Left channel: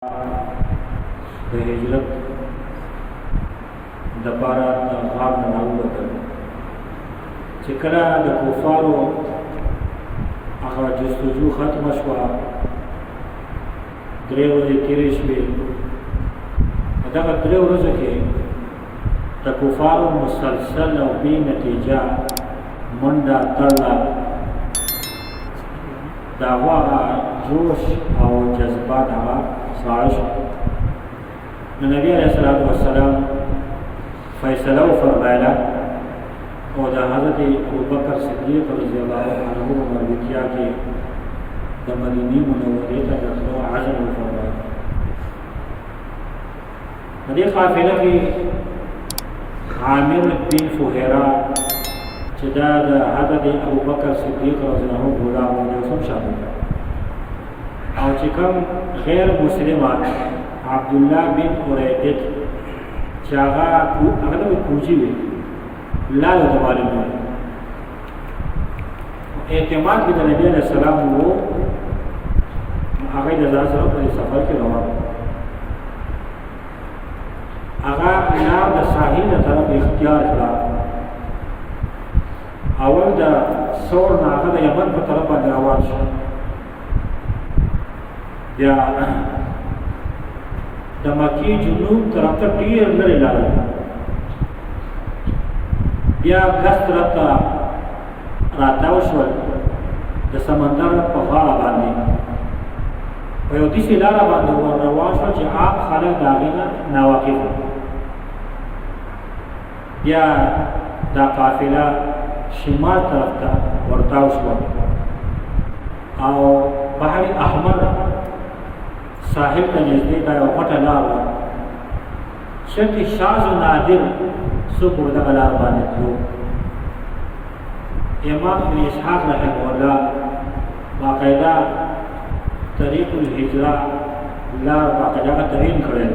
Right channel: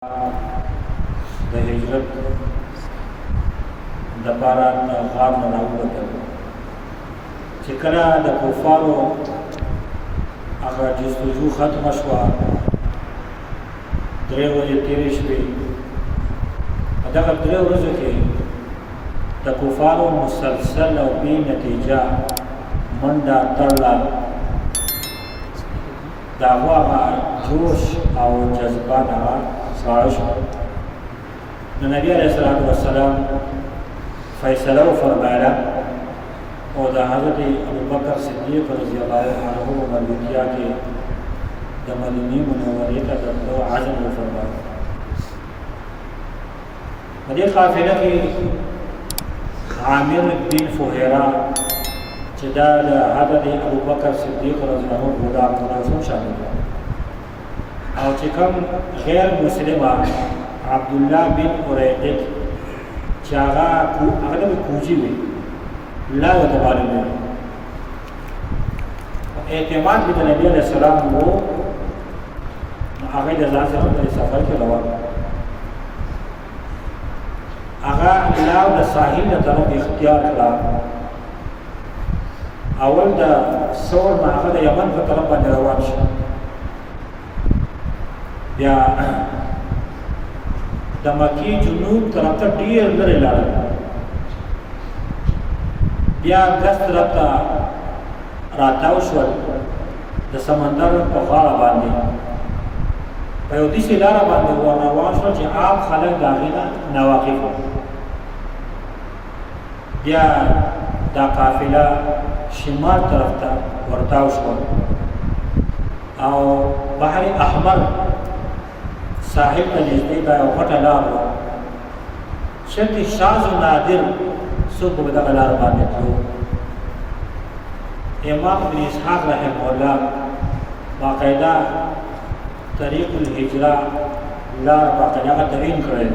د هجرت دپاره د غار نه راووتل چې کله د کفارو هغه جستجو ختمه شوه، درې ورځې تېرې شوې. په دغه درې ورځو کې د کفارو مسلسل او بې نتیجه منډه تړله، د هغو هغه جوش او جذبات هغه ساړه شو. نو نبي علیه الصلاۃ والسلام فیصله وفرمایله او د حضرت ابوبکر صدیق رضی الله عنه په مربوطیه کې د مدینې منورې ته د تلو عزم وفرمایه. په دې قافله کې عامر بن فهیره چې دا د حضرت ابوبکر صدیق رضی الله عنه غلام هم شامل دی، او چې کوم غیر مسلمان عبدالله بن اریقط چې هغه د کوجي وي، لا یو ته معلوم دی، اعتماد به د نبي علیه السلام و، هغه د ځان سره په سفر کې روان، هغه لار د ساحل نه طرف اختیار کړه. اول د سور نه هغه د یمن په طرف باندې روان شو، بیا د مکی جنوب طرف ته ډیر لرې لاړل، بیا ګس طرف ته راتاو شول د سمندر په غاړه باندې، په یو داسې لاره باندې ور روان شول چې عام خلک د هغې نه ناواقف وو. بیا دا قافله شمال طرف ته ورتاو شول او بحر احمر ساحل ته نږدې دا یو پټه لار وه، شرط شاذ و نادر څوک به دغه لار باندې تلو. امام ابن اسحاق رحمه الله باقاعده طریق الهجره لار باقاعده تعین کړی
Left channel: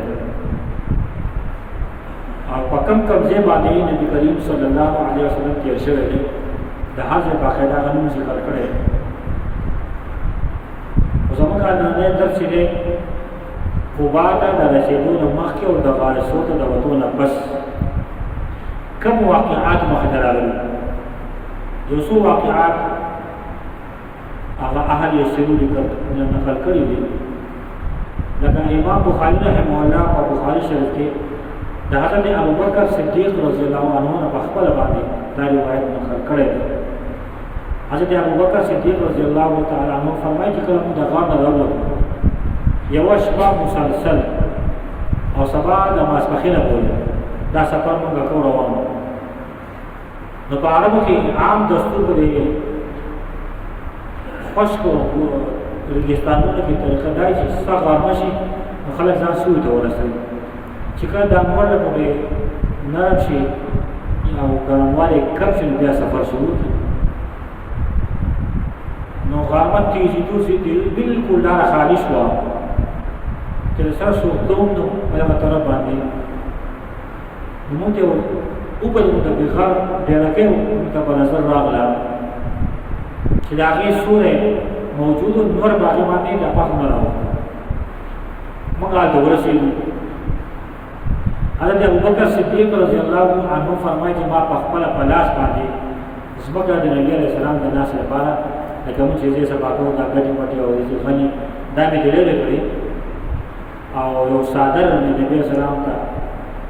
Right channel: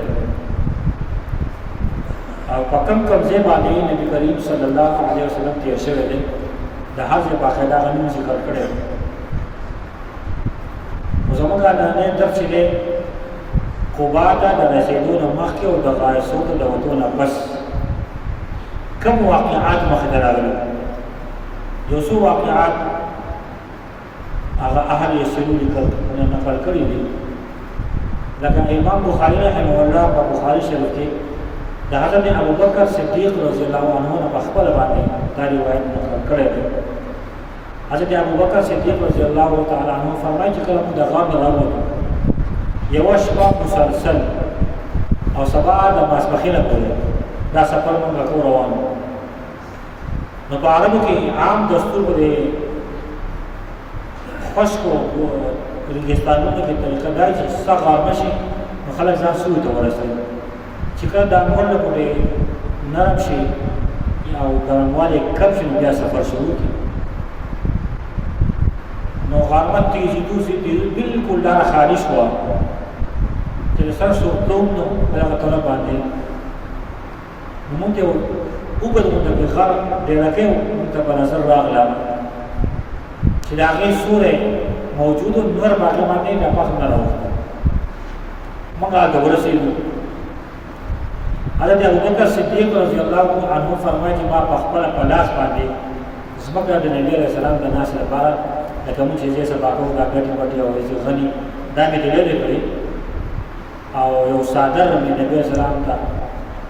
او په کم ځای باندې نبی کریم صلی الله علیه وسلم تیر شوی دی، د هر ځای باقاعده هغه نوم ذکر کړی دی. زموږ نننی درس چې دی قبا ته د رسېدو نه مخکې او د غایصو ته د وتو نه پس کوم واقعات مخې ته راغلي، یو څو واقعات هغه اهل یسرو نقل کړي دي، لکه امام بخاري رحمه الله په بخاري شریف کې د حضرت ابوبکر صدیق رضی الله عنه نه په خپله باندې دا روایت نقل کړی دی. حضرت ابوبکر صدیق رضی الله تعالی عنه فرمایي چې کله موږ د غار نه راووتو، یوه شپه مسلسل او سبا د ماسپښینه پورې دا سفر موږ کو روان وو. نو په عربو کې عام دستور به د خشکو ریګستانونو کې طریقه دا چې څه غرمه شي نو خلک ځان سوی ته ورسوي، چې کله دا انور له پورې نرم شي او ګرموالی کم شي نو بیا سفر شروع کړي. نو غرمه تېزېدو بلکل لاره خالي شوه چې د سر څوکدوم نو په دغه طرف باندې نو مونږ ته اوږد غونډه کې غر ډېرکۍ مونږ ته په نظر راغله چې د هغې سوری موجود و، نور په هغې باندې د پاس نه راوښته. مونږ هلته ورسېدو. حضرت ابوبکر صدیق رضی الله عنه فرمایي چې ما په خپله په لاس باندې ځمکه د نبي علیه السلام د ناستې لپاره لکه مونږ چې ځای سبا کوو دا ګټې وټې او غني دا مې ته لرې کړي او یو څادر مې نبي علیه السلام ته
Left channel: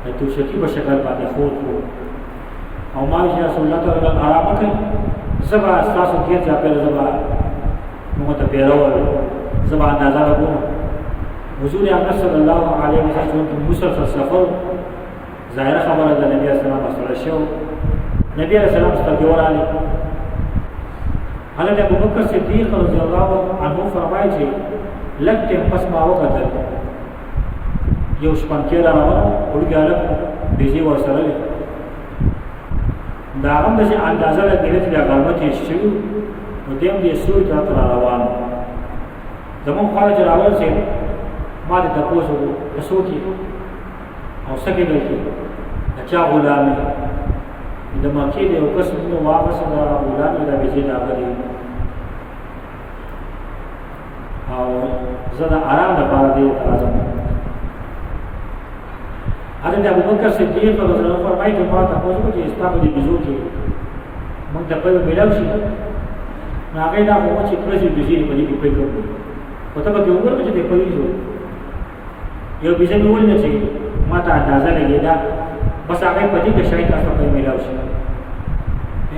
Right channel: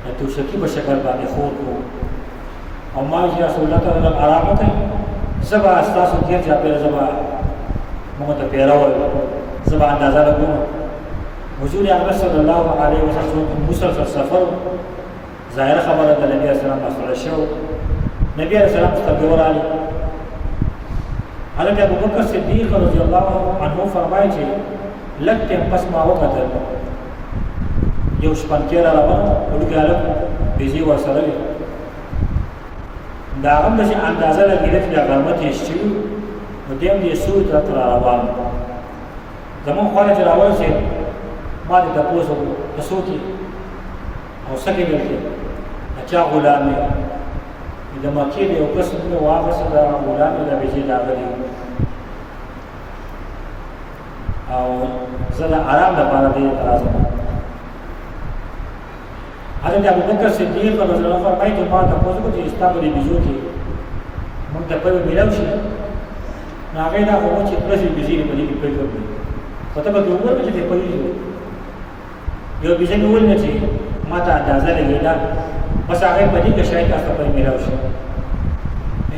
د توشکي په شکل باندې خور کړو او ما چې رسول الله تعالی آرامه کوي، زه به ستاسو ګیر چاپېره زه به مونږ ته پیره وایو، زه به اندازه لګوم. حضور اکرم صلی الله علیه وسلم مسلسل سفر، ظاهره خبره د نبي علیه السلام مسئله شو، نبي علیه السلام سترګې ورغلې. حضرت ابوبکر صدیق رضی الله عنه فرمایي چې لږ ټیم پس ما وکتل، یو شپنکی را روان و، وړوکی هلک بیزې ورسره وې، د هغه هم داسې اندازه لګېده چې دا غرمه تېز شوي نو دی هم د سوی طرف ته را روان و. زمونږ خواله چې راورسېد ما دې تپوس وکړو ته څوک یې او څه کې دلته د چا غلام یې؟ د مکې د یو کس نوم مې واخیست، د غلام د بیجې د هغه دی او زه د آرام لپاره دې راځم. حضرت ابوبکر صدیق رضی الله عنه فرمایي چې ما تاسو کو چې استا په دې بيزو کې موږ ته په ملاو شي نو هغه دا خو چې پرځي بيزي په دې کې پېښ کړو خو ته به وګورئ چې په دې یو بيزي مې ولنه چې ما ته اندازه لګیدا بس هغه په دې کې شاید تاسو په ملاو شي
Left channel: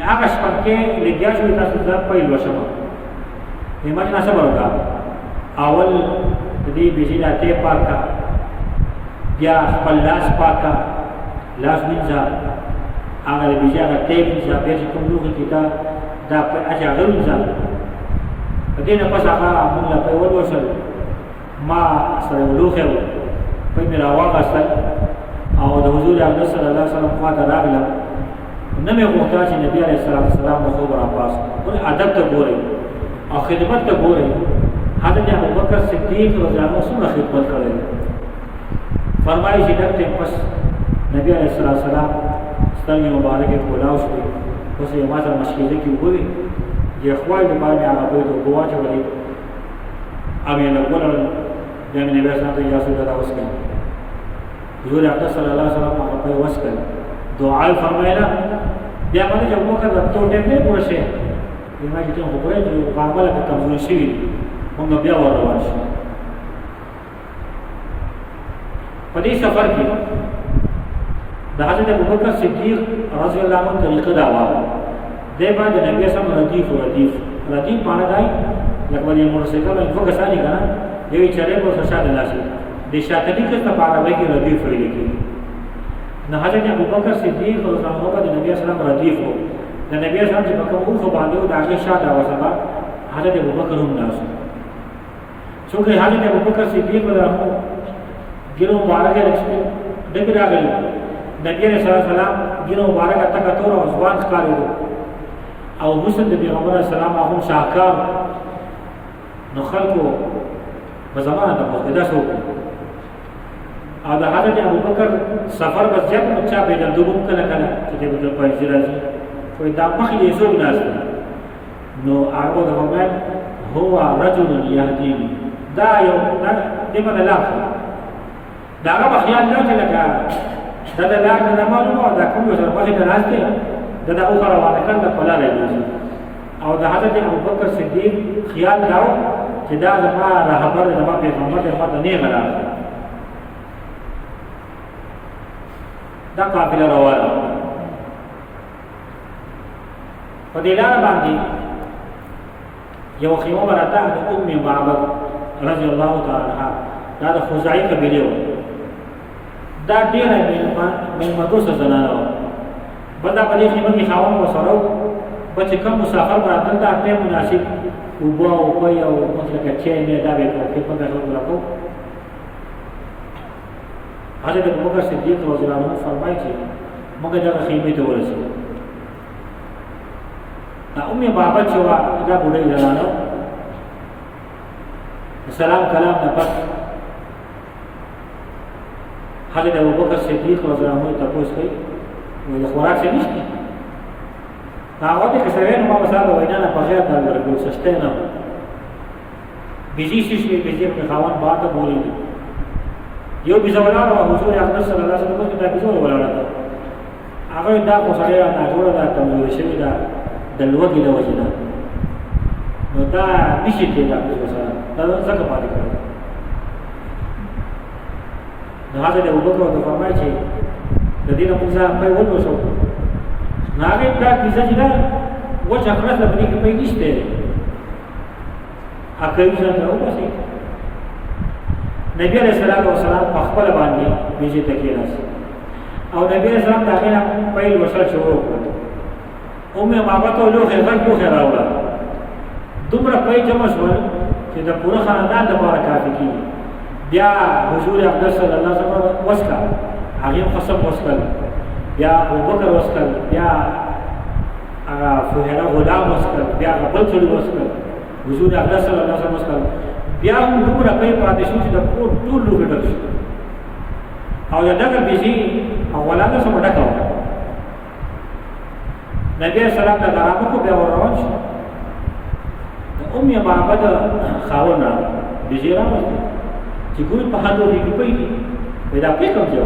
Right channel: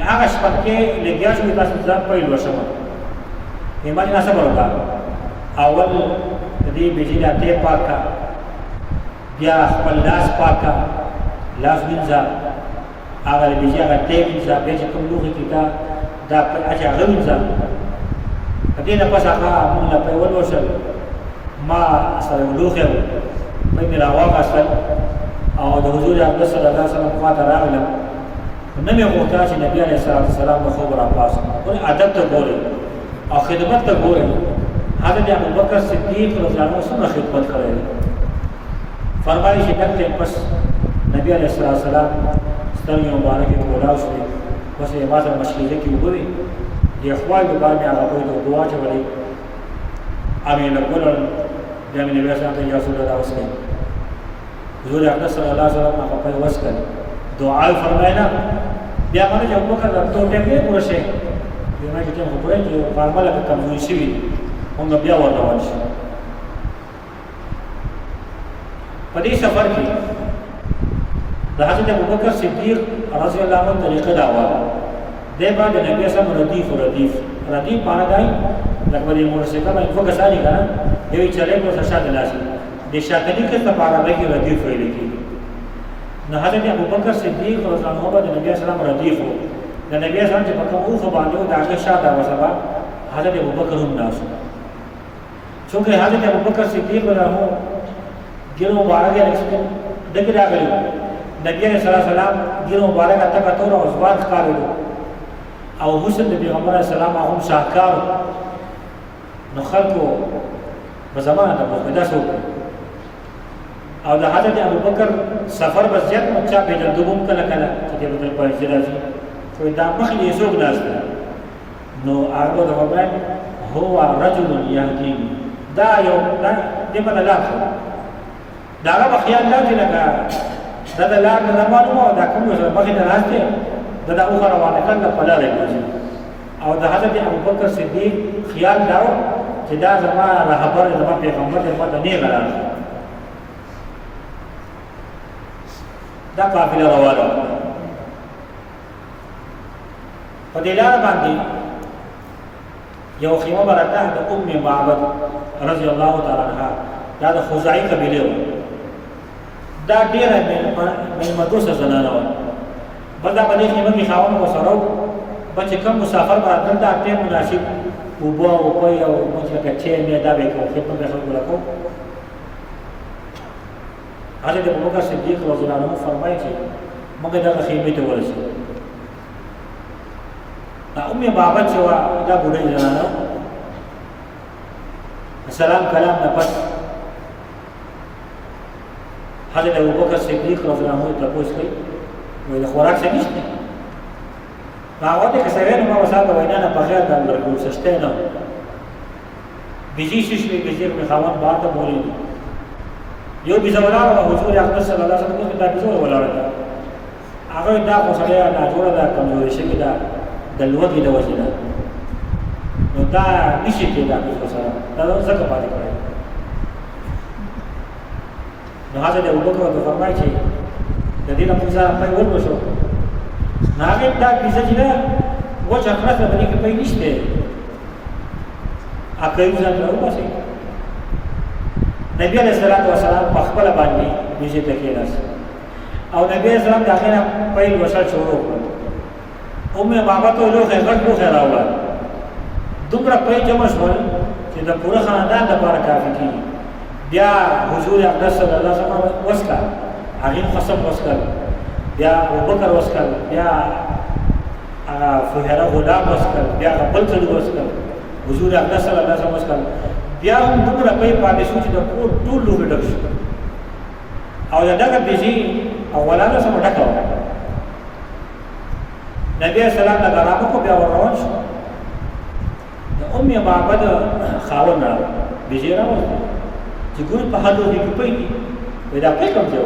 هغه شپه کې لګیا شو تاسو ځان په لوشم ایمان نه صبر وکړه اول دې بيزي نه ته پاکه بیا خپل لاس پاکه لاس وینځه هغه بيزي هغه ته وینځه بیا چې کوم لوخي کې دا په اجازه غوینځه دې نه پس هغه موږ له په ولوشل ما سره لوخه په مې راوغستل او د حضور اکبر صلی الله علیه وسلم خواته راغلم نو مې غوښتل چې نبی علیه السلام د خوب راپاس ولې ادب ته ګوري او خدمت ته ګوري. حضرت ابوبکر صدیق رضی الله عنه څومره خدمت کړی فرمایي چې دغه پس نبی علیه السلام سترګې مبارکې کولاو شوې بس یې ما ته مشکله کې وګوري یې خوای د باندې هغه په دعا چولې امین وګورل د نبی اسلام ته اجازه راوستل حضور اکبر صلی الله علیه وسلم هغه په وسکل دعا فرمایله بیا باندې چې ابوبکر ته ټیکې ورشه یې ما چې ته وګورئ چې فارمله کې کمزوري شوی موږ بیا ور روان شو. په دې سفر کې د حضرت ابوبکر صدیق رضی الله عنه طریقه دا و د باندې نبی اسلام ردیف معنا دی لکه باندې موټرسایکل باندې فوکس اړي کنه یوه چره کو شاته لاسي د شاته کې ته په عربی کې ردیف ویل کېږي. نو حضرت ابوبکر صدیق رضی الله عنه د نبی اسلام ردیف وو د نبی اسلام چې په کوم خو باندې د هغه شاته وسبا حضرت ابوبکر هم ناس څنګه حضرت ابوبکر صدیق رضی الله عنه ګیرو مبارک راځي دغه راغلی نبی صلی الله علیه وسلم ګیرو مبارک اتکا تور او ځوان ښکارېدو او حسن د پیغمبر اسلام هم شاکار نو خلکو په زمانه د پیدا شو او د حضرت ابوبکر سفر بس جت بچا به د دوم کله چې د پایځ راځي خو دا مخې یې زوګ ناس نو هغه د فرمان هو رجل يهديني دا یو د په لاخه دا هغه خیال نه دی لکه دا د لاګ نه معلومه دا کوم سره مخې ته راځي دا او روانه کړه په لارې وځي او د حضرت ابوبکر صدیق خیال داو چې دا زما رهبر زما پیغمبر زما ته نه غلاړي دا قافله روانه په دې لار باندې یو خیمه براته د ام معبد رضی الله تعالی عنها دا د خزاعی قبیله و دا ډیره ملمدوسه زنانه و بدا په دې خیمه کې خاوند وسره بچ کم مسافر باندې دا ټیم مناسب وبو او په یو مطلب چې مې دا به کوو په دې څو لکو حضرت ابوبکر صدیق رضی الله عنه فرمایي چې موږ دا خیمه ته ورسېدو ام بابا چې دا بوډۍ زنانه سلام کلام نه پس حضرت ابوبکر صدیق رضی الله عنه تاسو کوي وایي خوراک څه نشته هغه ته څنګه نو ما وساته وینا نه بغیر د ورکو سشته نه بيجي شش می بيجي په خوان باته بولي یو بيزولا او حضور اکبر صلی الله علیه وسلم دا بيزولا ولاړ هغه دا خو سره دا جوړه دا کمزوري شوی دا د لوګي د وجه نه نو دا نشي کېدا په سره دا څنګه پاتې کړي نو حضرت ابوبکر ته فرمایي چې د دې په ځای په ورو شو هغه دا کیسه چې دا وجه خلاص باندې کې په نشته اکه ځان راو باسي نبی علیہ السلام په خپل باندې بیجه تکیلاس او نبی علیہ السلام دا غنه په وشل شروع کړ اومه بابا ته لوخه غږ راوړل دومره په جمع شول چې د پوره خاندان لپاره کافي کیږي بیا حضور اقدس صلی الله علیه وسلم وسکا هغه قسم وسکل بیا ابوبکر وسکل بیا فهره غلام وسکل بیا بل څه وسکل حضور اقدس صلی الله علیه وسلم وسکل بیا هم دومره په پاتې شو چې د کور ټول لوګي ډک شو او دغه بيزي اولانه سم ډکاو نبی اسلام دا درابه کو بیا ور روان شو د ام معبد خاون بيزي راوځي چې ګوري په هغه کې پیږي پیدا پې کوم ځای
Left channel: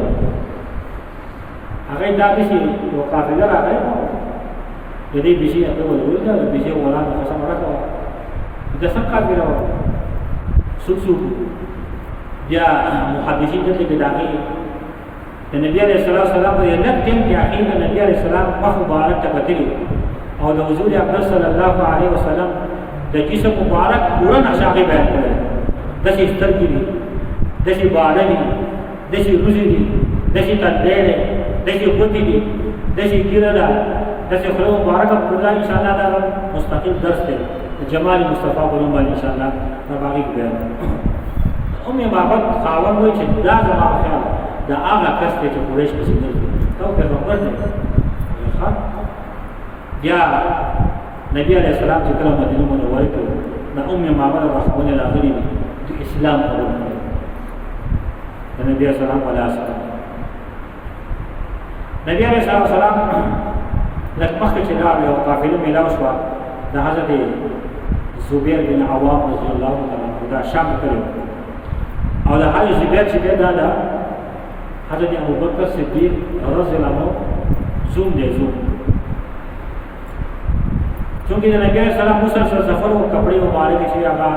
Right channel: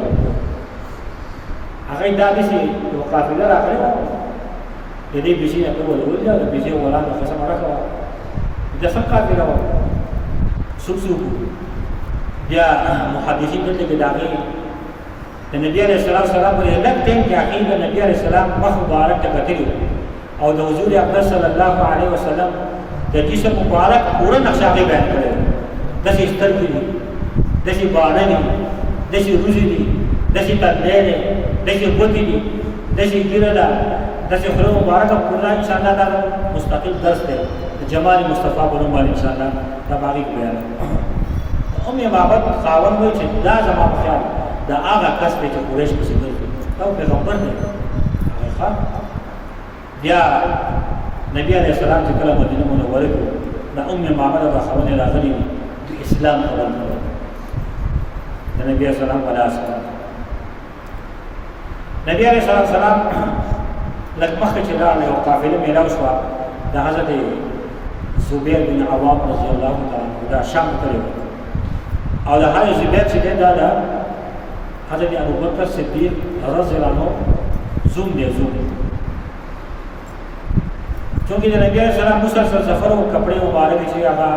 هغه دا دي چې یو قافله راغلی د دې بيزي نه په ولول دا بيزي ولا نه قسم راکړه د څنګه قافله و سوق بیا محدثین دلته کې داغي د نبی عليه الصلاه والسلام په لږ ټیم کې عقیب نبی عليه السلام مخ مبارک ته کتلی او د حضور اکبر صلی الله علیه وسلم د جسم مبارک پورا نقشه بیان کړی د شي سترګې دي د شي باندې دي د شي روزي دي د شي تدلې د شي بوتي دي د شي ګیره ده د شي خلو مبارک پورا ان شاء الله تعالی مستقل درس دی جمال مصطفی په نوم باندې ان شاء الله تبارک بیان ام معبد خاون وای چې دا زما خیال دا هغه کس چې قریش په سیمه کې او پیغمبر دی ښه بیا نبی علیہ السلام چې کله مدینه منوره کې د ام معبد د خاون راغلي دي د اسلام خبر کړي د نبی علیہ السلام په لاس نبی علیہ السلام لکه مخکې چې دا یو قافله میلاو شو د حضرت زبیر بن عوام رضی الله تعالی عنہ دا شام کړو او د هغه زبیر چې دا دا حضرت ابوبکر صدیق رضی الله عنه زوم دی زوم چونکه د نبی صلی الله علیه وسلم مسلسل سفر او کپڑے مبارک شي هغه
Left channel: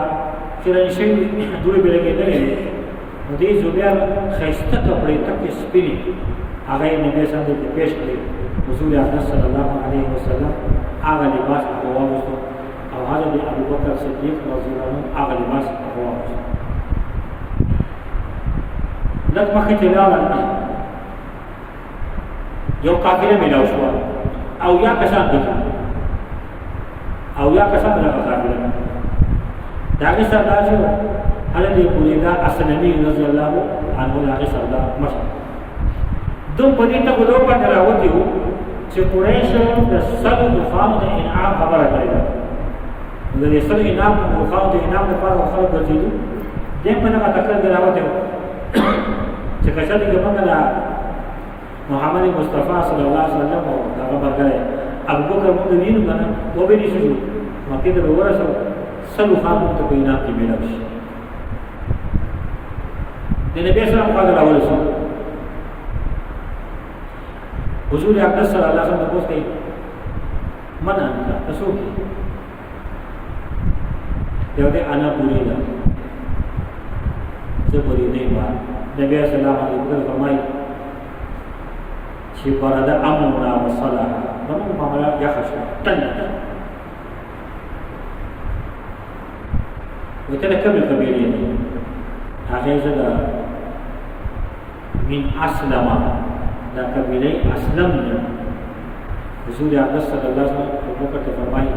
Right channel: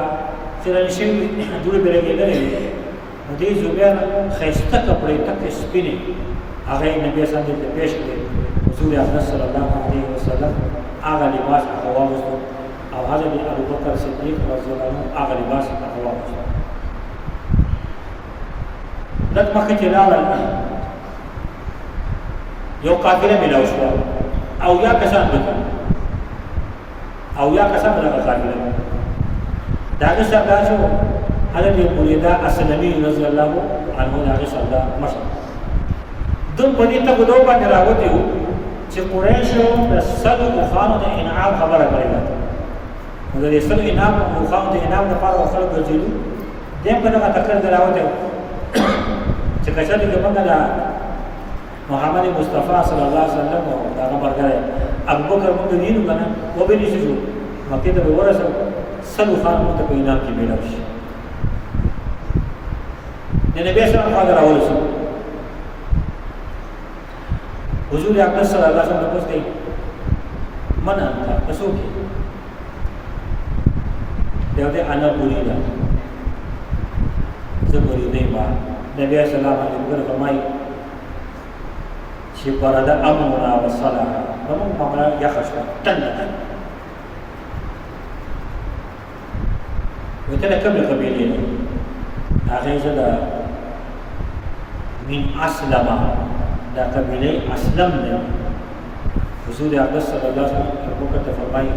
چرنشي دوی به لګیدل نو دې زبیر خيسته کپڑے تک سپینی هغه نبی صلی الله علیه وسلم پیش کړی حضور اکرم صلی الله علیه وسلم هغه لباس هغه واغوستو او حضرت ابوبکر صدیق رضی الله عنه هغه لباس هغه واغوستو لږ مخکې چې لاړل یو قافله میلاو شوه او یا کسان پکې او یا کسان په دغه قافله د هغې سردار چې حضرت بریده اسلمي رضی الله عنه د هغې سردار مشر دوی په دې تګلو باندې راوتي وو چې قریشو د سلو اوښانو د انعام خبره کړې ده نو د دې سلو اوښانو د انعام لپاره خلک ګرځېدو دې په دغه تکل کې راوتي وو چې کچا دې کومه دا محمد مصطفی صلی الله علیه وسلم او دا برګره ابوبکر موږ دینو کنه و به نشو مکه ته ورسو سلو خان ته په انعام کې میلاو شي د نبی سلام خو راورسو حضور اکرم صلی الله علیه وسلم تاسو ته من انت تاسو کې دغه انا پوری ده زه پوری نه ما نبی اسلام علیه وسلم فرمایي چې پرده امرنا وصلا نو معاملہ یا خشته تنه وته کومه قبیله نه هغه زدا من اسلم دا قبیله اسلم نه حضور اکرم صلی الله علیه وسلم ابوبکر ته فرمایي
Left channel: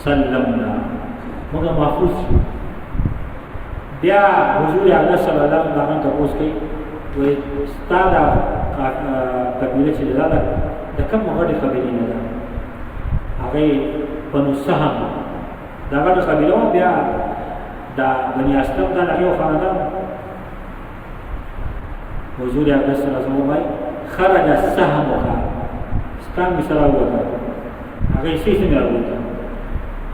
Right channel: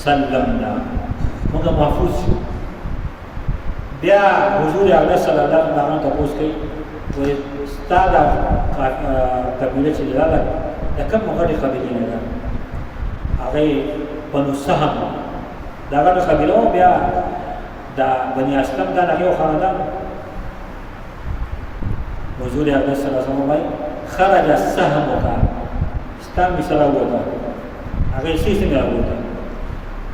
سلمنا موږ محفوظ شو بیا حضور اکرم صلی الله علیه وسلم تاسو کوي و استاد قبیله چې دا د کوم غړي قبیله نه ده هغه بنو سهم دا غړي قبیله بیا دا بنی اسلم دا یو خاندان حضور اکرم صلی الله علیه وسلم خرج سهمك استان مثلا وتا هغه شي څنګه راوته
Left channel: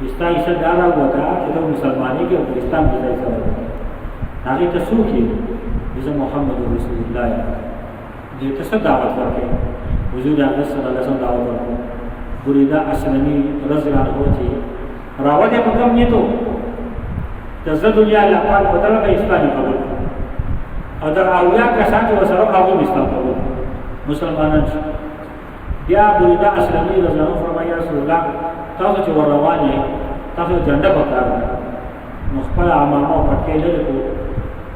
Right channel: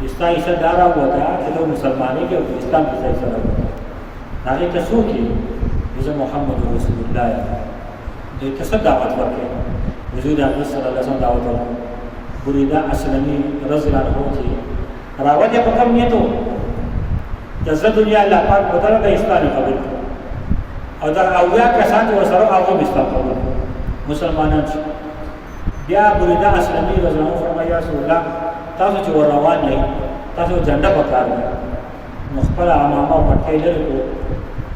استای صدارا وتا چې مسلمانۍ کې اسلام کې ځای سره وتا هغه تاسو کې محمد رسول الله دې ته دعوت ورکړي حضور اکرم صلی الله علیه وسلم دعوت ورکړي بریده اسلمي رضی الله عنه چې راوته په کوم نیتو د زړه دنیا الله پاک بدل به اسلامي قبول او دا اویا کسان چې وسره هغه اسلام قبول مسلمانان بیا بریده اسلمي رضی الله عنه فرمایي رسول الله تاسو چې ور روان یې تاسو جنډه پکاره نو خپل عمامه او پټکې لري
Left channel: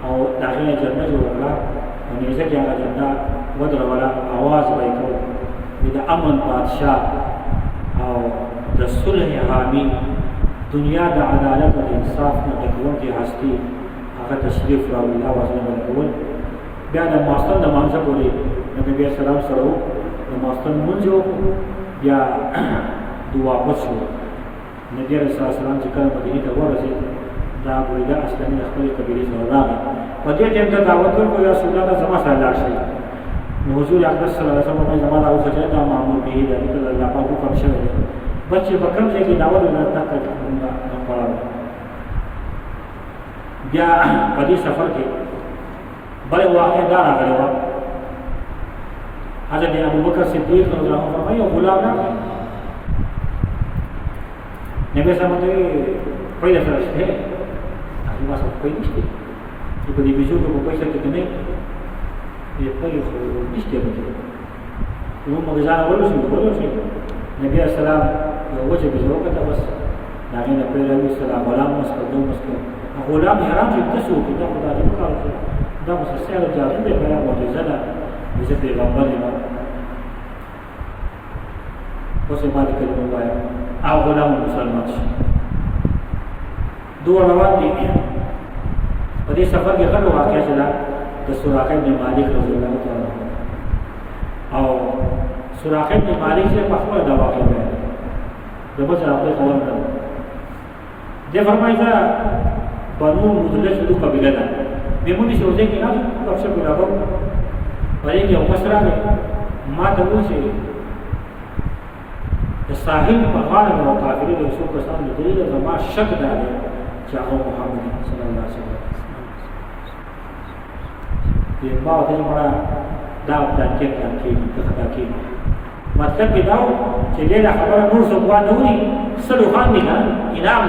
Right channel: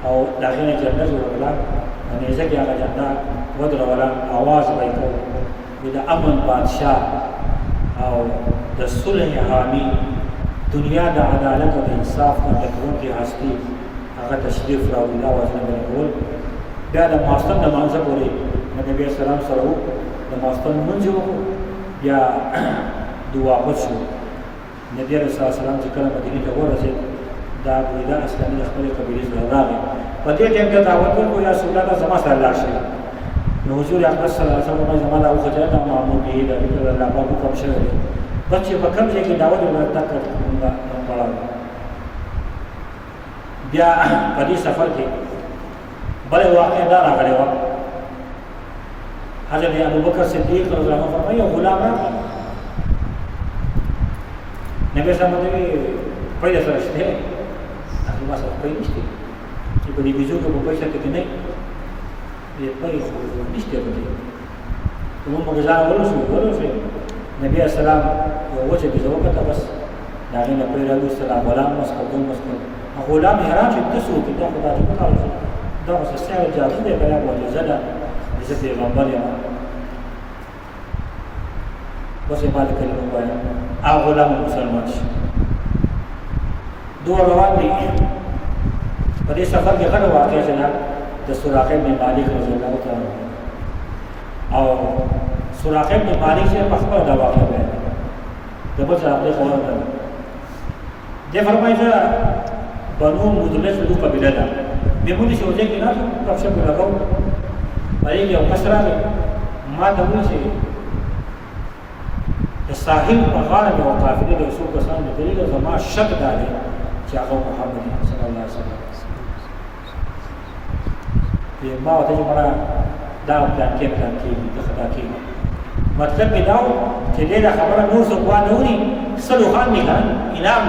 او داخله جنډه جوړه او نيزه کې هغه جنډه ودر ولا आवाज وایو د امن بادشاہ او د صلح حامی دنیا د عدالت او انصاف د ټکور کې هستی هغه تشریف راوړي دا وزن بلول بیا د ماستن د مانځه پورې نبی اسلام سره د ماستن منځو بیا دوه واپس شو نبی رسول الله چې کله مدینه ته ورسېد دا بریده اسلامي خپل قبیله سره راغی په دې ټیم ته دعوت ورکړو یا رسول الله زما سره لاړ شي نو حضور اکرم صلی الله علیه وسلم زما او خجل دا معمول دی د الله په حکم شوی دی بچي په کوم ځای کې دعوت ورته کوي پړاو بیا په دې سفر کې بل واقع دا راغلی و حضرت ابوبکر صدیق رضی الله عنه فرمایي غلام راغی نبی صلی الله علیه وسلم پیدا سره شته هغه ما سره پیدا نشته چې په دې ویزو کې په پیسې کې نه یې پیدا خو نشته نو موږ ځان ورسو نبی اسلام یو وجه به وکړه بس دا غینه پیدا و سلام غلام مسکو غلام حیران چې تاسو کې دا خدای دې وکړ دا اوس سره جادو دې پیدا معجزه ده چې پیغمبر یې اوس یې باندې کلمه وایي او غلام مسلمان شي دوه روان دي په دې سفر کې غږ واقع شوه د سراقه بن مالک رضی الله تعالی او سراقه بن مالک چې په خپل دا واقع وایي د بل ځای په خبره ده دې فرمایي بنو مدلج له قبيله ده بمونی شوځي کې نه تاسو په لګو باندې یو مشره ما ته وایي چې ساحل په غاړه یو قافله د رسول کسان د دلیل زما شک ده چې هغه محمد صلی الله علیه وسلم په ما ته چې مړه دا پلان کې د خدا کې مطلب کې دا چې دې خبره نور څه وانه وري سلو خان نه انعام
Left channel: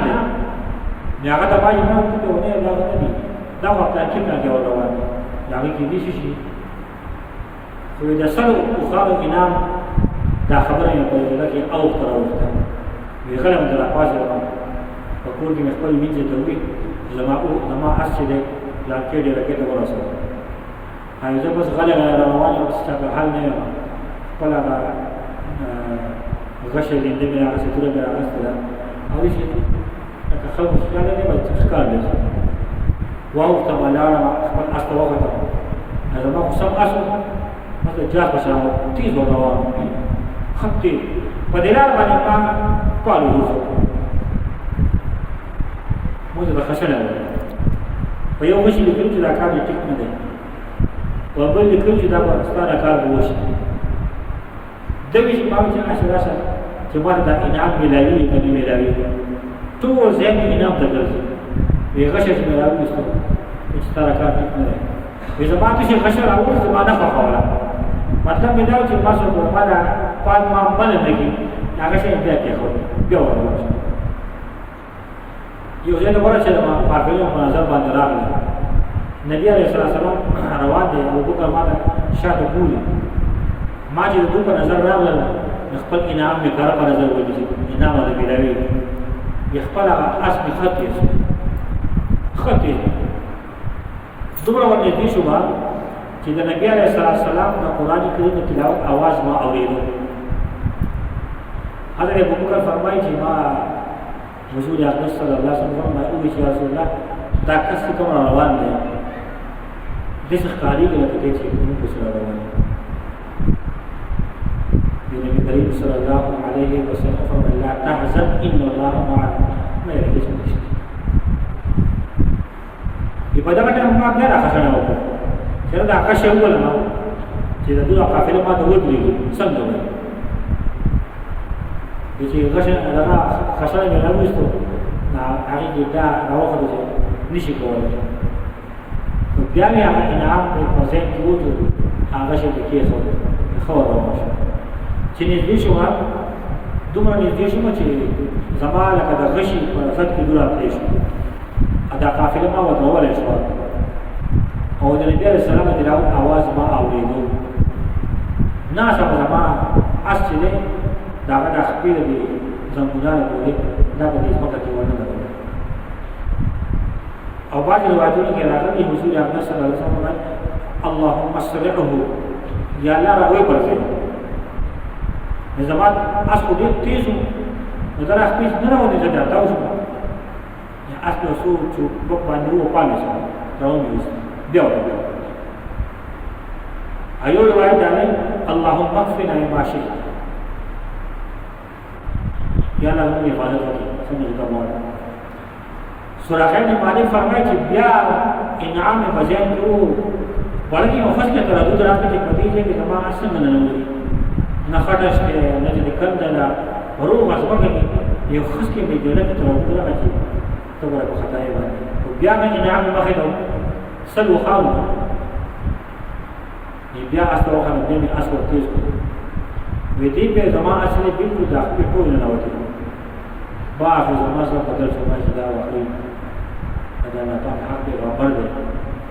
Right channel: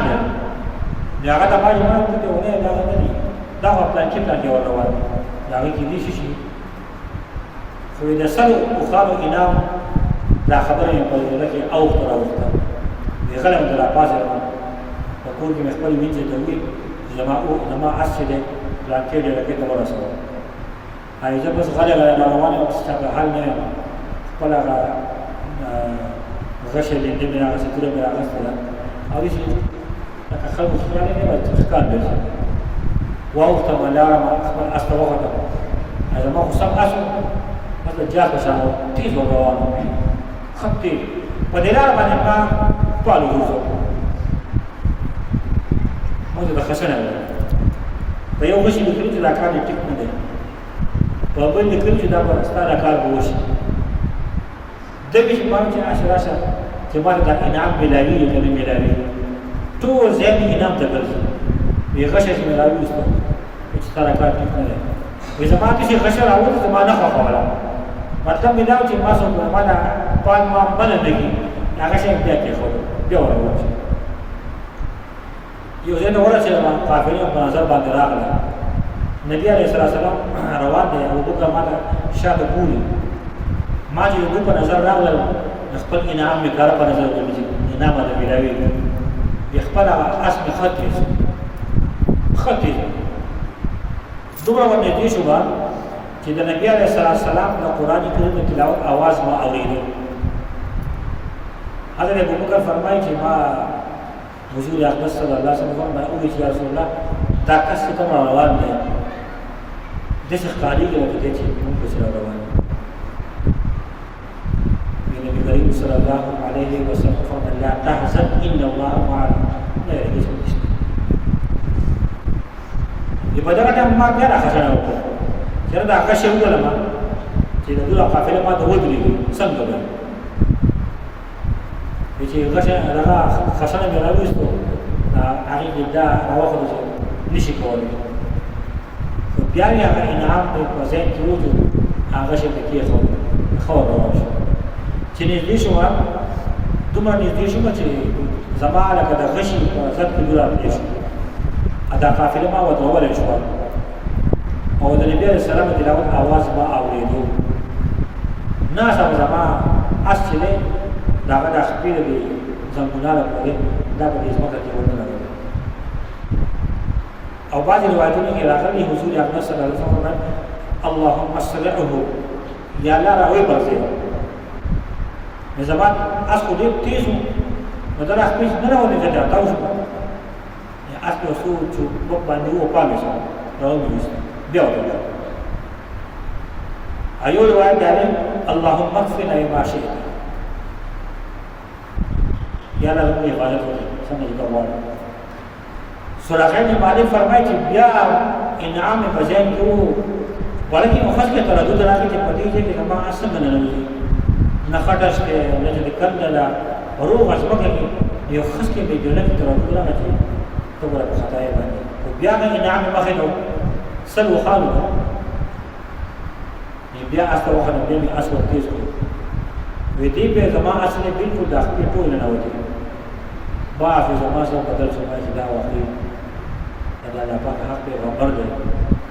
دی هغه د باندې ما ته ونه دا نه دي دا پلان کې ور روان دا کې دي شي خو دا سلو خو انعام دا خبره یې په دې کې او تر وخته وی غلم درا پاسه په کور کې خپل وینځه ته وی زما اسې دې پلان کې دې راکې ته ورسره هغه چې بس غلې روانه او څه حال نه خپل هغه غشه دې دې نه څه کړو بیا غسله او چې خلک خلک نه باید ښکار وي واو ته ملاره خپل استوغه هذا ما خو سم اسو مثلا جاس بشانو تیز روانه خطي ودلال باندې ما پالو وځو مو ته خسنه په یو وشي لیکل چې دا کار دې ټیک نه دی په بل لیکل چې دا ستاره کار وشي د دې چې ما چې عاشراشه چې ما دا انعام ملاوي کنه ملاوي ټول ځین انعام ته ګرځي وی غشه چې ملاوي وسته چې ستاره کار ټیک نه دی وی زما ته چې غشه راوړل زما نه خوښوله مطلب دا چې ما څو ما دا پات ما بل نه کی هغه شی بیا کې خو بیا ورته یو ځای نو ورته ما قافله په نظر باندې راغله نبی عليه الصلاه والسلام روان دي او دغه ما شاته ګوري ما چې دغه په نظر راغله خپل انعام می کار په نظر ولې انعام د بلاوی خپل اسم خطي دومره ورته دي شو چې د نبی عليه الصلاه والسلام د قران کریم تلاوت आवाज ما اوریدو حضرت ابوبکر فرمایي چې ما حضور اقدس صلی الله علیه وسلم فرمایي او چې رسول الله دا کس کوم روان دی د څه خالي کې لکه چې موږ سره روان دی نبی کریم صلی الله علیه وسلم فرمایي لا تحزن ان الله معنا نه یې څه دي په دا ټیم ما ډېر خښنه وکړه چې دا کښه وله ما چې دا قافله ما ته ودرېږي څنګه وایي چې غشه دا خښنه مې راوېستو هغه کې دا راوخته چې نشي کولای خو بیا یې هغه انعام په ځای کې وځو هغه شي کې خو روان شو چې نږدې شو دومره نږدې شو چې زما لکه د غشي په ځد کې دورا پرې شو دا قافله ما ودرولې شو او د نبی عليه السلام د تلاوت आवाज ما اوریدو ناسا زما اصله دا د خپل دي زموناله پورې دا په دې ځمکه کې ونه لګول او بعض روایتونو کې راغلي حضور اقدس صلی الله علیه وسلم فرمایي اللهم اسرعه یا الله راوي پرځي زما اس کو دې تیز نو دا خپل نه راوځي دا تاسو یا اس کو سو چې په باندې و پامه شي راوځي بیا وته ایو روایت ده اللهم اغفر ما شئت یا الله موږ حفاظت وکړي څنګه دا وایي سورہ بن مالک فرمایي چې بیا انعام بجان کړو ولکه نو خاص کې تردد راغی چې پدې کې ما څنګه نه نوځي نه خټش کې نه چې کندلا روغ اسبګه یو خاص کې به جنت تردد راغی ته ورته خدای باندې بیا هغه انعام مخې ته سل وخالو بیا اس ته وخت بیا مې اس ور تیز کړ وې دې به زما اصل بالکل د خپل ټول نه وتی با په زما سره بدل شو چې دا واقعي دا الله پاک حق دی خبر دی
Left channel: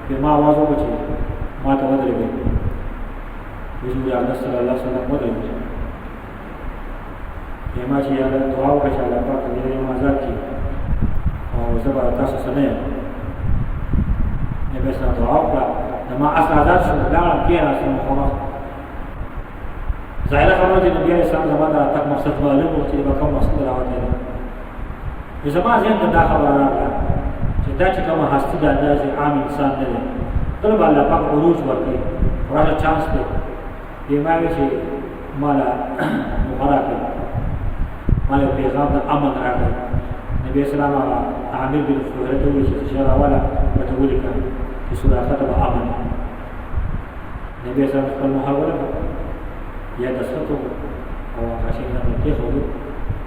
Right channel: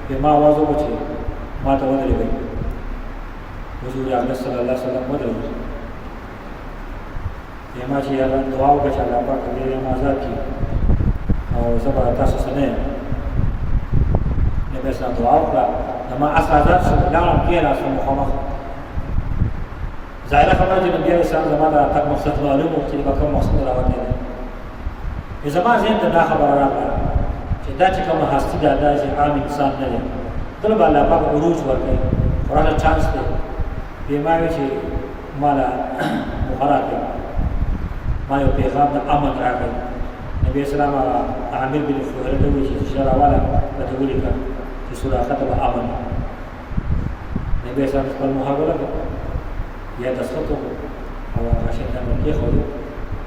په ما आवाज وکړي ما ته ودرېږي حضور اکرم صلی الله علیه وسلم ودرېږي ما چې دعا وکړه چې الله پاک دې ما آزاد کړي او زبر تاسو سره نه به سره دعا وکړه ما آزاد شو لاړم کېنه سم مخامخ ظاهره خبره چې نبی علیه السلام زما دا تک مقصد معلوم و چې به کوم مقصد راوتی دی زما ذهن ته دا خبره راغله چې دا چې کومه هستي ده دا چې عام انسان نه دی دله به الله پاک عروج ورکوي خورانه چانس دی بیا ما وایي چې ما له مغره کوي ما یو پیغام د امن راغی نبی اسلام عامر بن فهره ته وایي چې شعر والا ورته ولیکه چې سراقه ته به امن نبی اسلام خپل محاوره یا دسخط او هغه شی نه کېښودو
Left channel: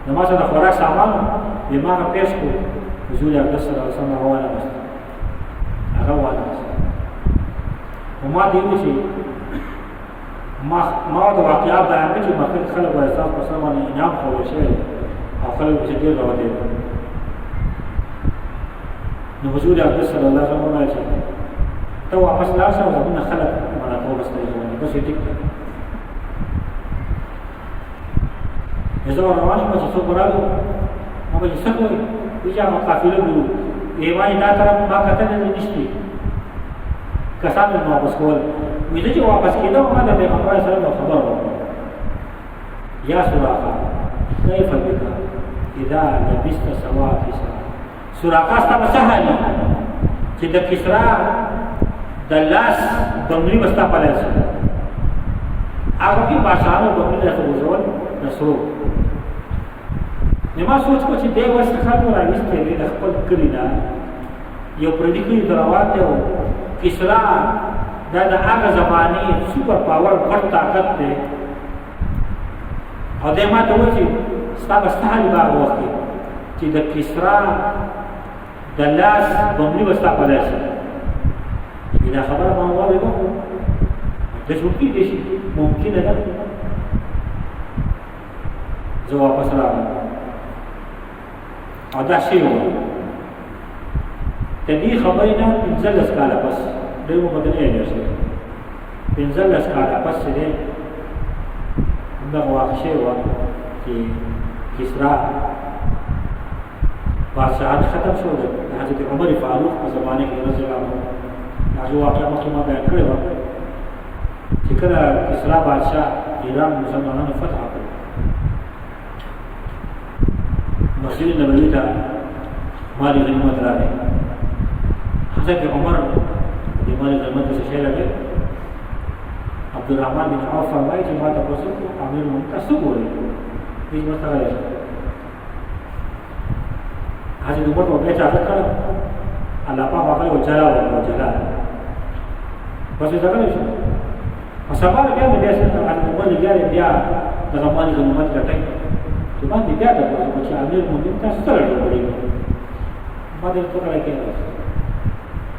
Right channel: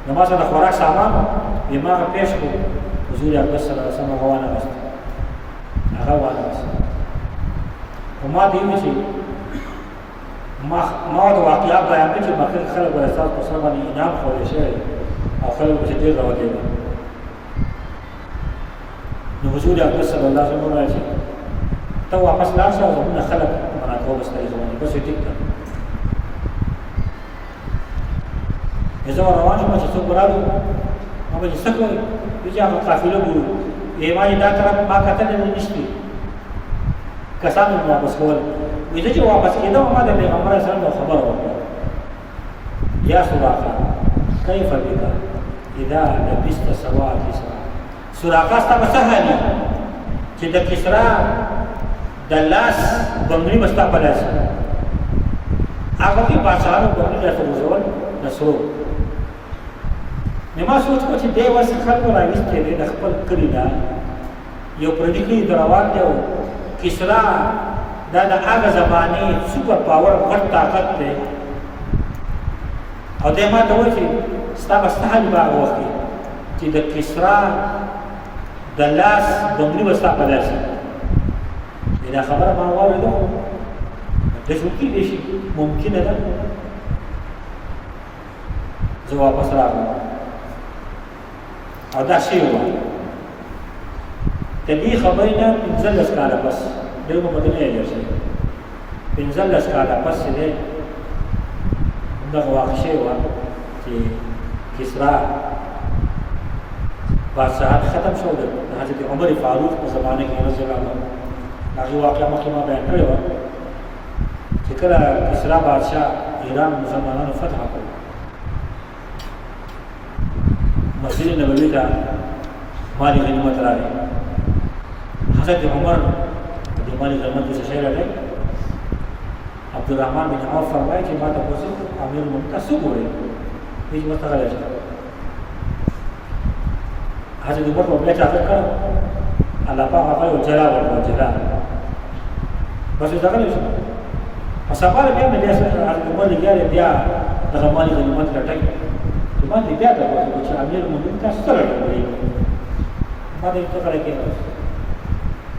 نو ما سره د خوراک سامان یې ما هغه پېښ کړو حضور اکرم صلی الله علیه وسلم هغه وانهغوست هغه وانهغوست خو ما ته یې وویل چې ما ورته واقعه بیان کړه چې مخکې خلک به ستاسو په سر باندې انعام ښودل شوی دی او خلک به چې ډېر راوتلی دي نو حضور اکرم صلی الله علیه وسلم وویل چې ته واپس لاړ شه او زموږ نه خلک منع کوه بس طریقه باندې بس یې ټیک ده زه روان شوم چې څوک راغلو ما به چې څه کوئ وایي چې هغه قافله ګورو وایي ما دا طرف ما کتلې نشته کسان مې واپس کول وایي زه چې واپس کېدم ما د پیغمبر علیه السلام خبره وکړه یا سراقه کیف بک اذا لبست سواد کسرا سراقه ستا به څه حال چې د کسرا د لاس بنګړي به ستا په لاس هغه کې بادشاهانو بنګړي راته ورزول نسرو نو ما سوچ کو چې دی ورسې خلکو راویستی دی د خپل کلي نه یو پردي کلي ته روان دی او کسرا دا د هغه زمانې سوپر پاور غټ طاقت دی او دی ما ته وایي چې ستا به ستا حال به هغه وخت چې د کسرا د لاس بنګړي به ستا په لاس وي دا خبره ما واورېده دا چې کېدای شي ممکنه ده زه واپس راغلم او دا شی وه د دې خبرې نه 15 کاله پس دی مو مدینه یې ورسېد 15 کاله پس چې دی همدغه واقع شوې وه چې کسرا بادشاهان ختم شو د حضرت عمر فاروق په زمانه کې رضی الله عنه هغه واقعه مخکې ما بیان کړې وه چې کله کسرا بادشاه ایران مسلمانانو فتح کړ مسجد نبوي ته مال غنیمت راغی حضرت عمر د مال غنیمت څه شی راغی عبدالرحمن بن عوف فرمایي چې ما تاسو امیر المؤمنین تاسو ګورئ هیڅ مستغله شي حضرت عمر په بیا چاته کړ الله پاک هغه وجلا وجلا بس دا غلی شو په سبا بیا مې بیا څنګه حضرت عمر لګیا بیا دغه مال غنیمت کټای ما دې بیا ته وایي چې امیر المؤمنین تاسو سره راغلی ما دې څه کړی کېږي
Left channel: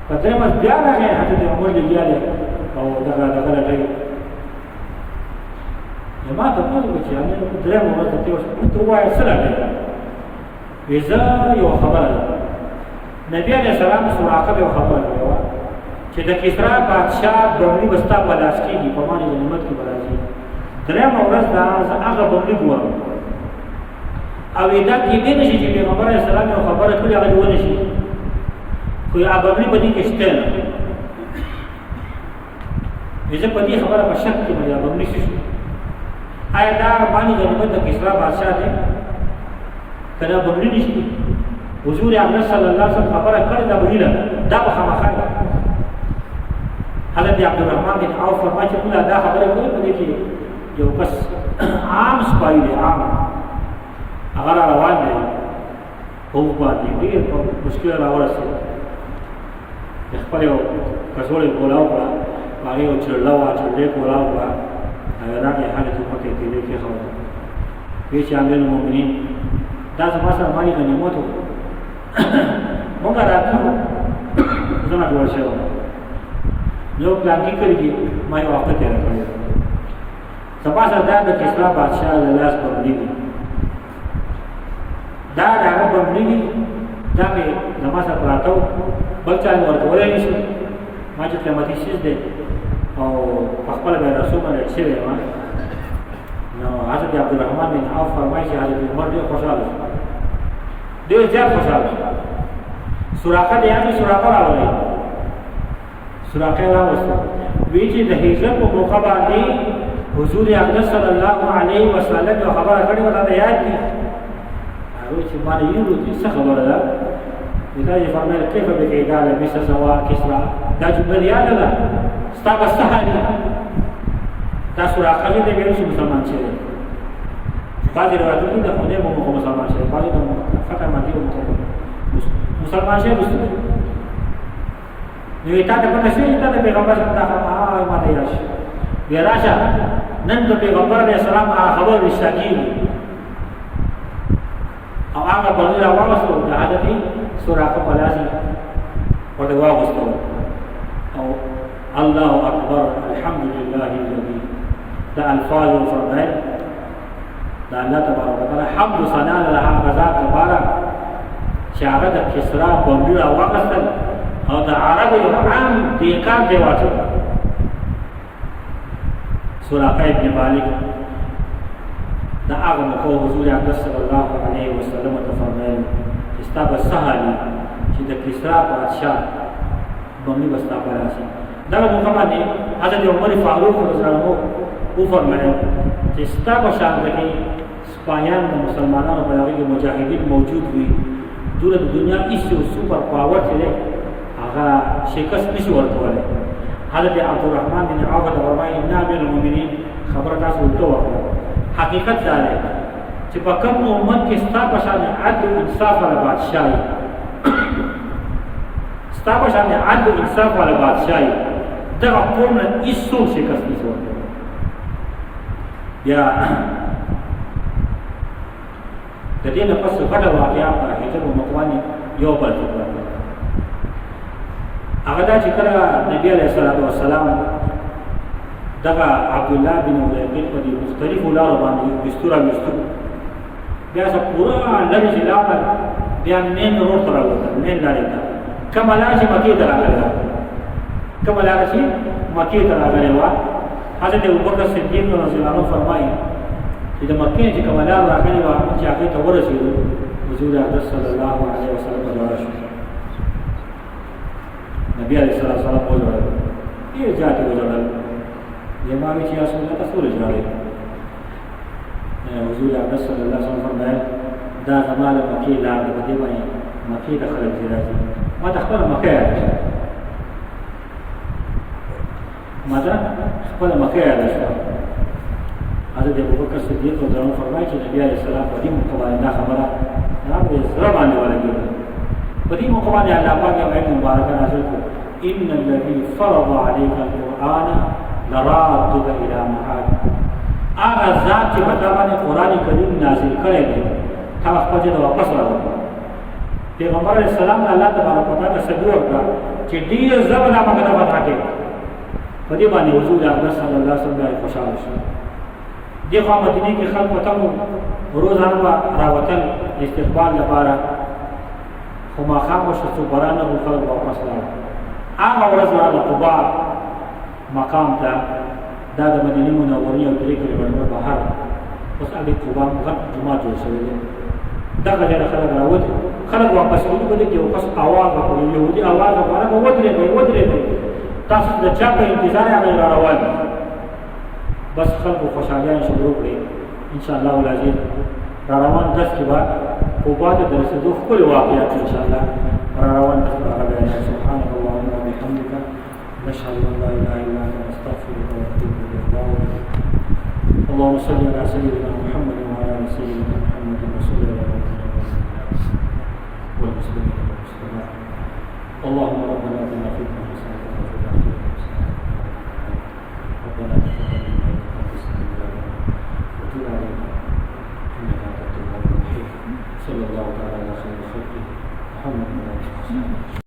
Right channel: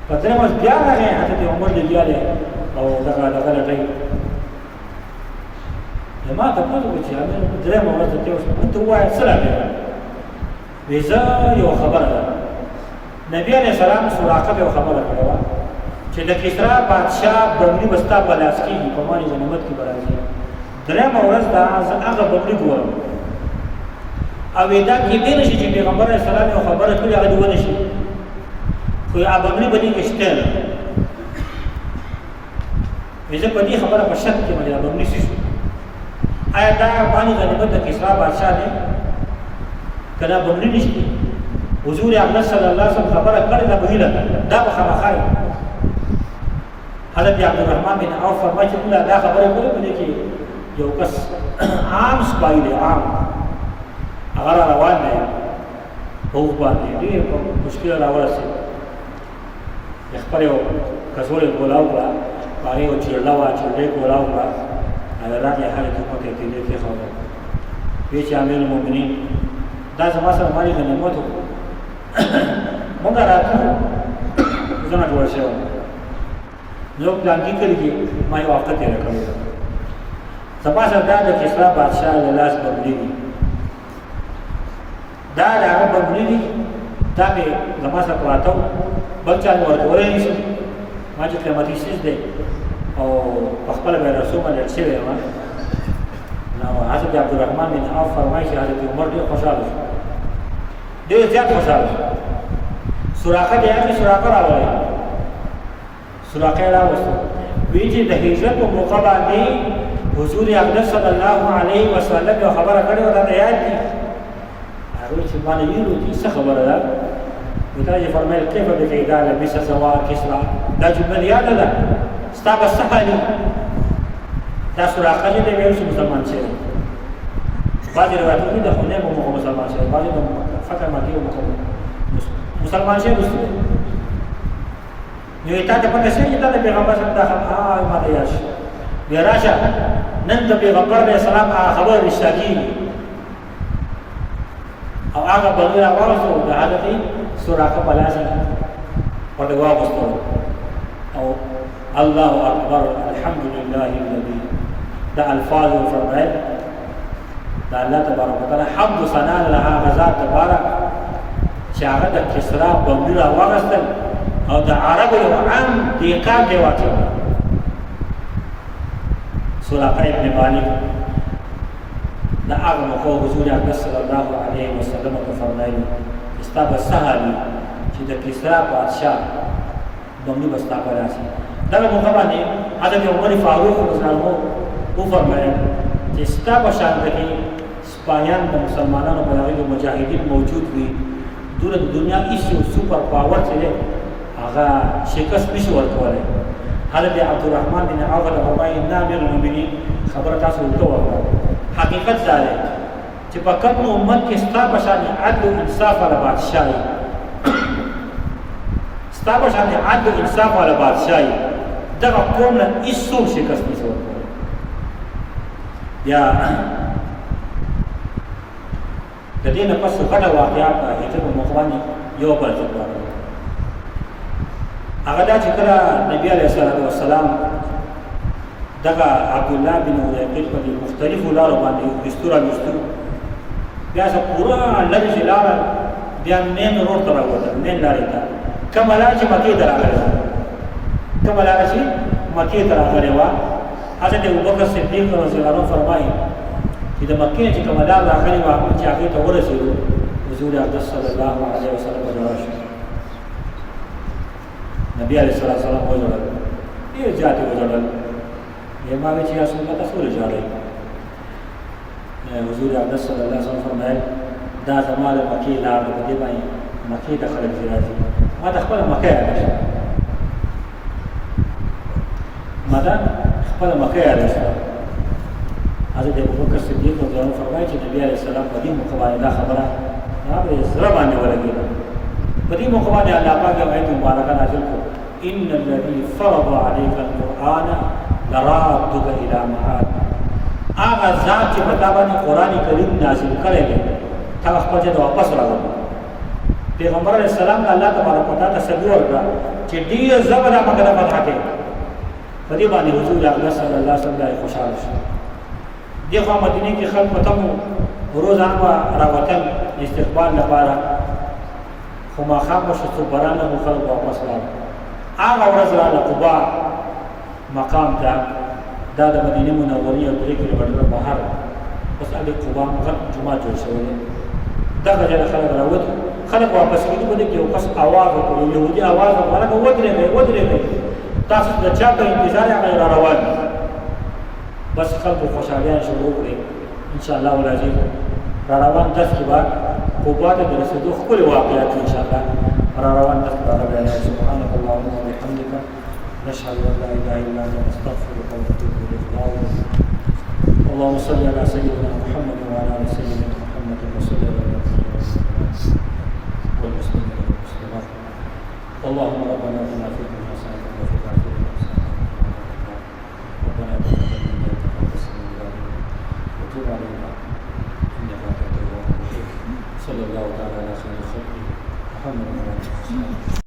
په درې ورځې بیا راغی حضرت عمر لګیا او دغه لټای ما ته وایي چې امیر درې ورځې ته اوس ته وایي سره راغلی ویزا یو خبره ده نبی علیہ السلام سراقه یو خبره کړو چې د کسرا بادشاہ بنگړي بستا په لاس کېږي په معنی غنیمت کې برازي درېم ورځ دا هغه بنگړي ګورم او دا کې دې نشي چې پیغمبر علیه السلام یو خبره کړې هغه ونه شي خو هغه بنگړي باندې کې شته نه ویزه په دې خبره په شک کې مې بنگړي شي آیا دا باندې غنیمت د کسرا بادشاہ دی کله بنگړي نشته حضور اکرم صلی الله علیه وسلم خبره کړې ده بهیله دا به خامخا حضرت عبدالرحمن بن عوف فرمایي چې موږ دا خبره کړې په دې کې یو کس عام سپای دی عام هغه روان دی په باندې ډېر مشکل راورسېد خپل یو کڅوړې کولاو کړه هغه یو چړلا وا چړې کولاو کړه راځي حالت په دې کې لیکي خو وی چې امیر المؤمنین دا زما سره مالي غنیمت مونږ راځو زونه جوړ شو نو پلان کې کړی ما یو وخت تیر کړو سبا سره د کسرا بادشاہ له لاس بغلی دا هغه بغلی دا به زما سره پراتو بل چا ورکولې نشي ما چې قیمتي شي دې او په خپل به رسول باندې شوی و نو حضرت عبدالرحمن بن عوف فرمایي چې حضرت عمر ډېر خوشاله شو ډېر زیات خوشاله شو سراقه دی هغه سراقه راوړی سراقه راوستو وی چې د هجرت په موقع باندې حضور اقدس صلی الله علیه وسلم یو خبره کړې و دا یاد دي هغه چې باندې یو چې څه خبره ده ودا یې فرمایل کیف به کېدا لبس سوا کسرا دا جمله یاد ده ستا به سهالي دا سراقه دې ویل چې مسلمان شي بعض روایتو کې د خدای مو مسلمان شي بعض د فتح مکی مسلمان شي مسلمان نو ته په نشي ته د پیغمبر صلی الله علیه وسلم ما ته یاش بیا راشه نن د پیغمبر علیه السلام خبر رښتیا او هغه بلغه راوړو د حضرت سراقه پلاسي ورته واغستو او الله اکبر الحمد لله الذي دا الفاظ فرمایل دا الله تبارک وتعالى حمد ثنا لها غزا تبارک چې هغه د کسرا بمبي راوغستل او د عربو یو عام دیقام دی واته سراقه ابن مالک دا هغه مخو حضور اقدس صلی الله علیه وسلم ته فرمایل استاب سهلی چې د کسرا بادشاہ بمبي بستا پلاسي دا موږ باندې حضرت عمر فاروق رضی الله عنه او فرمایل چې ستا په شان کې سپایان د مسلمانانو په لاره کې مجاهدین موجود وي دوره د دنیا هیڅ سپر پاور چې هغه شکست نشي ورکولای حضرت عبدالرحمن بن عوف فرمایي ان امیر المؤمنین خبره تاسو ولته وکړه حقیقت دا دی چې په کوم امت کې ستا په شان عدل او انصاف والا بادشاہ ستا په شان عدل او انصاف والا بادشاہ دغه قوم نه هیڅ شکست نشي ورکولای بیا د دې نه پس غټه واقعیا په هجرت مخواني یو بل څه هغه دا چې کله نبی علیه الصلاۃ والسلام دغه عبد الله بن ابي په مختلفو لارو باندې دستور بیا څه پورا لږ لار بیا مین روډ ته راوته مین لارې ته کومه لار چې مکې ته راغله کومه لار چې مکې ته راغله وا حضرت ابوبکر صدیق رضی الله عنه فرمایي چې د مکې چې کومه لار راغله وا چې هغه ته ورسېدو حضور اقدس صلی الله علیه وسلم ورشي نبی علیہ السلام وجړل یې ذات وجړل یما چې رسول الله تاسو وجړل حضور اقدس صلی الله علیه وسلم فرمایل دا زماله مکې لار د دې باندې مکې د خلک راځي ما د خپل مکې راځي ما د خپل مکې راځي حضرت ابوبکر صدیق رضی الله عنه فرمایي چې نبی علیہ السلام په دې مقابله دا خبره نه به سره باندې ولګي په دې موقع باندې الله پاک یو آیت مبارکه نازل کړ ان الذي فرض عليك القرآن لرادك الى معاد هغه ذات چې په باندې قرآن کریم نازل کړی دی تا خپل ځای واپس راوړ پیغمبر علیه السلام الله تبارک وتعالى سبي ورکړه چې ډیر زبر هغه د فتح کې په دې باندې حضور اقدس صلی الله علیه وسلم خوشاله شو دغه مدینه کې خلک ته روزانه راوتل استقبال لپاره خو ما خام شو برانه خو خلک واپس لاړ هغه ورځ راغله قباء مقام ته دا د مدینه منورې او 3 کیلومتره بهر اوس د قباء غټ جمعه جوړ شوی دی دغه ځای خلک راوته خلک واپس کېدو په دې کې یو کس اواز وکړ يهودي اواز وکړ ودرېږئ تاسو د چا په انتظار هغه را روان بس خلکو خوشحالیان شروع کړي ان شاء الله العزیز را روان دس کې بعد قباء ته د رسېدو ښکلې واقعات ان شاء الله را روان دس راغلی سبحانك اللهم وبحمدك نشهد ان لا اله الا انت نستغفرك ونتوب اليك اللهم صل على سيدنا محمد وعلى ال سيدنا محمد وصل على والمسلمين والمسلمات اللهم ربنا اتنا في الدنيا حسنه وفي الاخره حسنه ربنا تقبل منا انك انت السميع العليم وتب علينا انك انت التواب الرحيم صلى الله تعالى على خير خلقه محمد وعلى اله وصحبه